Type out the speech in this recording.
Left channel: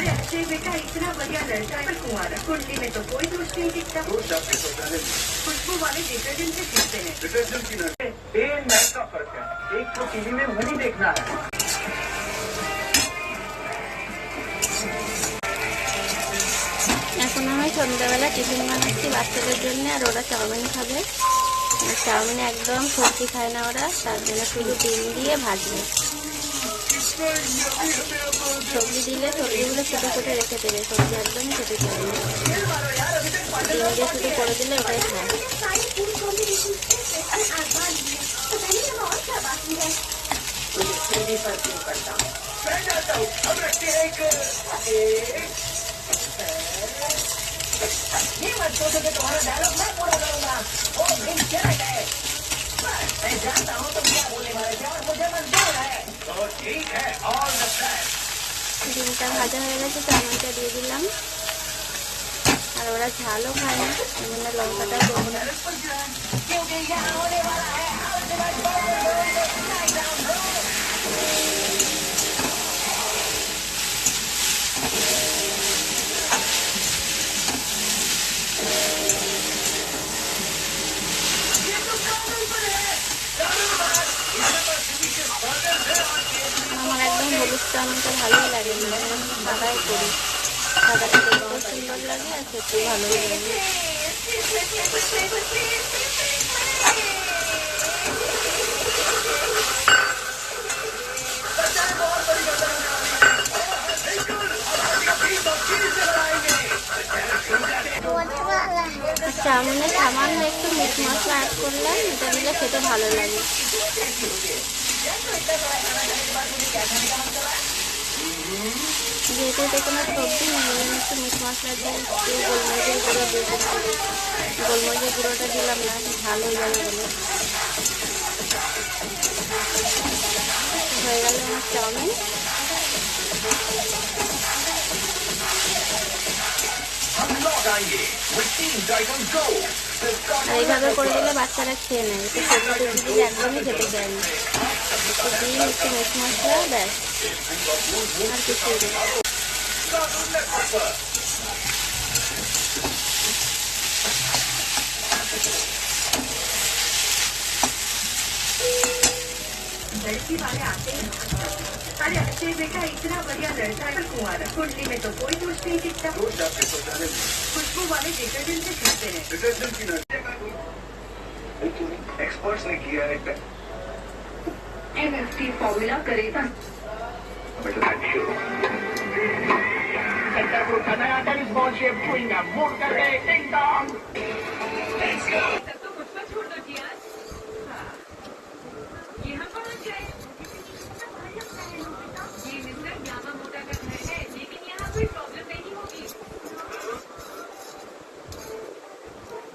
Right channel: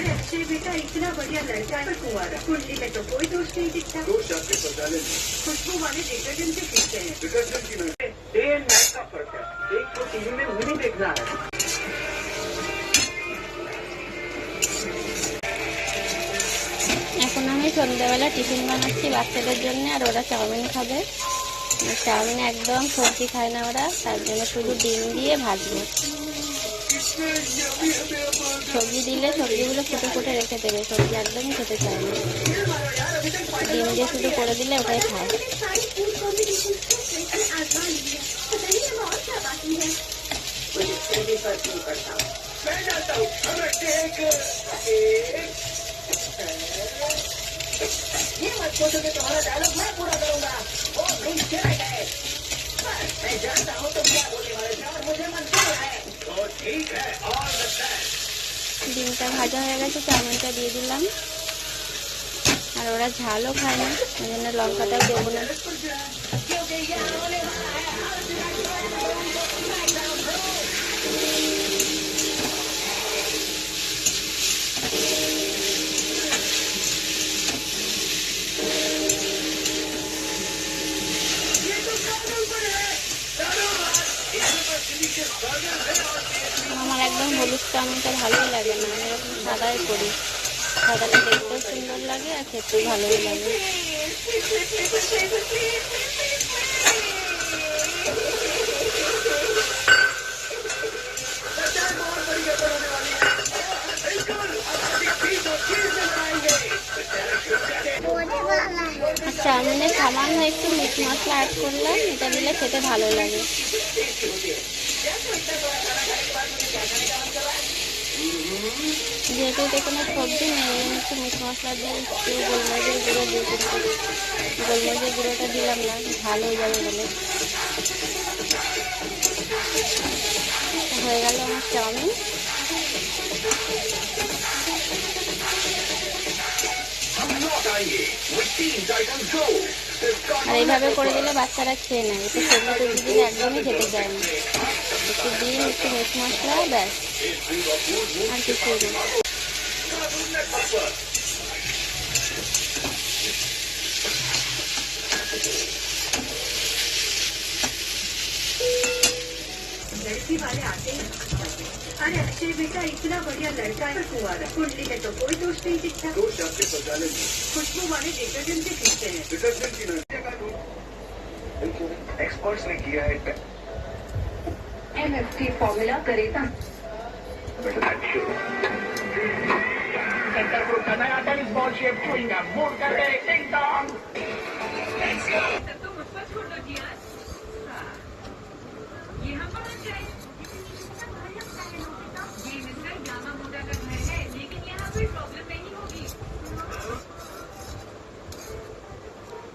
अरे अक्षय बेटा इतना बढ़िया लड़का है, कुंवारा कुंडली में तो कोई दोष नहीं दिखता। दोष आपके शौचालय में, खुशबू वाले डिटर्जेंट से सीखते हैं। डिटर्जेंट की नहीं, डे एंड नाइट का फर्क है। एक तो टीवी में मूवी देखना है। এখন আমি সন্ধ্যাবেলা টিফিন বানাচ্ছি বাচ্চাদের জন্য, আর ওরা চাউমিন খাবে। চাউমিনে একদম সবজি খায় না ওরা, তার জন্য শুধু ডিম দিয়ে ভাজবো। সবজি দিলে সবজিগুলো ফুটে ফুটে রেখে দেবে, সবজি একদমই খেতে চায় না। ডিম দিয়ে শুধু করে দিলে ওটাই খায়। तुम्हारा डायलॉग मैं पूरा करूंगा। ओ भाई चले गए, मैं जानता हूँ तुम क्या बोलने वाले थे और मुझे मंजूर है। तो ठीक है, ऑल द बेस्ट। ডিমটা ভাজা হয়ে গেছে, চাউমিনটা দিয়ে দিলাম। আর ওরা ঝালও খায় না, এই জন্য লঙ্কাটাও দেবো না। আমার একদম হলুদ চাউমিনটা ভালোই লাগে না, আমি সাদাই করি। সাদাটা দেখতেও সুন্দর লাগে আর খেতেও ভালোই লাগে। চাউমিনে সামান্য একটু মিট মশলা অ্যাড করলাম, এটা দিলে খেতে ভালো লাগে। যেহেতু এটা কোনো সবজি নেই, একটু মিট মশলা দিয়ে একটু গোলমরিচের গুঁড়ো দিয়ে গোলমরিচের গুঁড়োটা দিলাম না, ভালো হয়ে যাবে বলে। হয়ে গেল আমার চাউমিন। আর এইভাবে করে দিলে বাচ্চারা খেয়ে নেয়, একটু সবজি টবজি দিলে একদমই খেতে চায় না। একটু ডিম, একটু মিট মশলা, ব্যাস, আর কিছুই নেই। लड़की वाले आते हैं। अरे अक्षय बेटा इतना बढ़िया लड़का है, कुंवारा कुंडली में तो कोई दोष नहीं दिखता। दोष आपके शौचालय में, खुशबू वाले डिटर्जेंट से सीखते हैं। डिटर्जेंट की नहीं, एक्सपर्ट्स ने किया है। MFT फॉर्मूला करेगा। सेंटर ग्रुप का नया tennis ball shape chewing gum mood कर रहे टिंग टॉन्ग। तो मुझ पर छोड़ दिया। हाँ, यहाँ कौन है?